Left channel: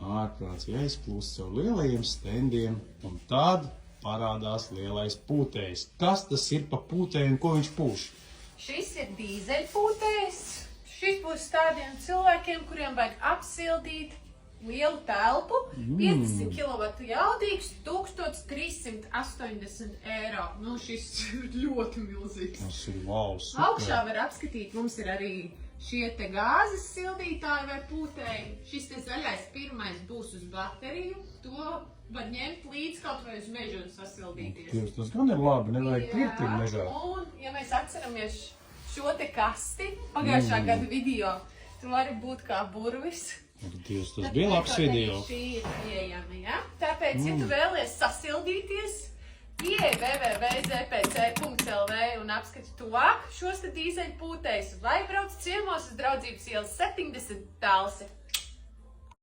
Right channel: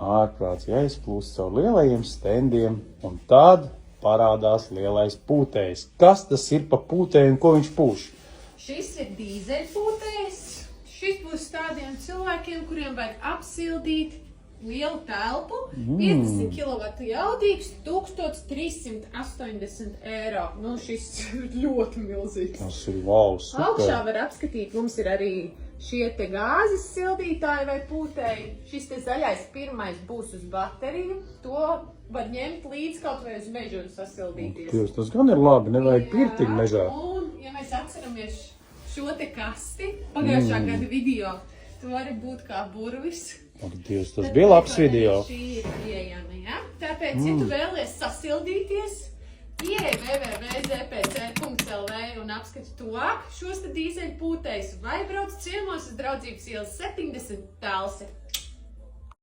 ārprāts jāizplūst caur lielajiem stendiem, un tad parādās lielais pūtējs. Kas tas ir pa pūtēju un ko viņš pūš? Šis ir dīzeļpūtējs. Šis būs tādiem cilvēkiem, kuriem vajag apsildīt lielu telpu, 50 kW jaudīgs, 1380 eiro. Nu, šis ir ļoti milzīgs. Tas ir wow, super. Augšā var apskatīt, mums ir arī šie te gāzes sildītāji vai pūtēji. Šis te zaļais pirmais būs uz bateriju. To var ņemt līdz kaut vai uz mežu un sasildīties. Dievs, tas gan ir labi, nevajag pirtiņu mežā. Un, ja mēs atceramies šo te kasti, pagājušā gada video, tu vari būt kā burvis. Ak, Dievs, tas bija labs video. Šī ir pieejama, ja? Tāpēc, ja tu vēlies sasildīties, ieej www.zpc.lv un apskati tuvāk šos te dīzeļpūtējus vai brauc ciemos uz Draudzības ielas 70 Talsi.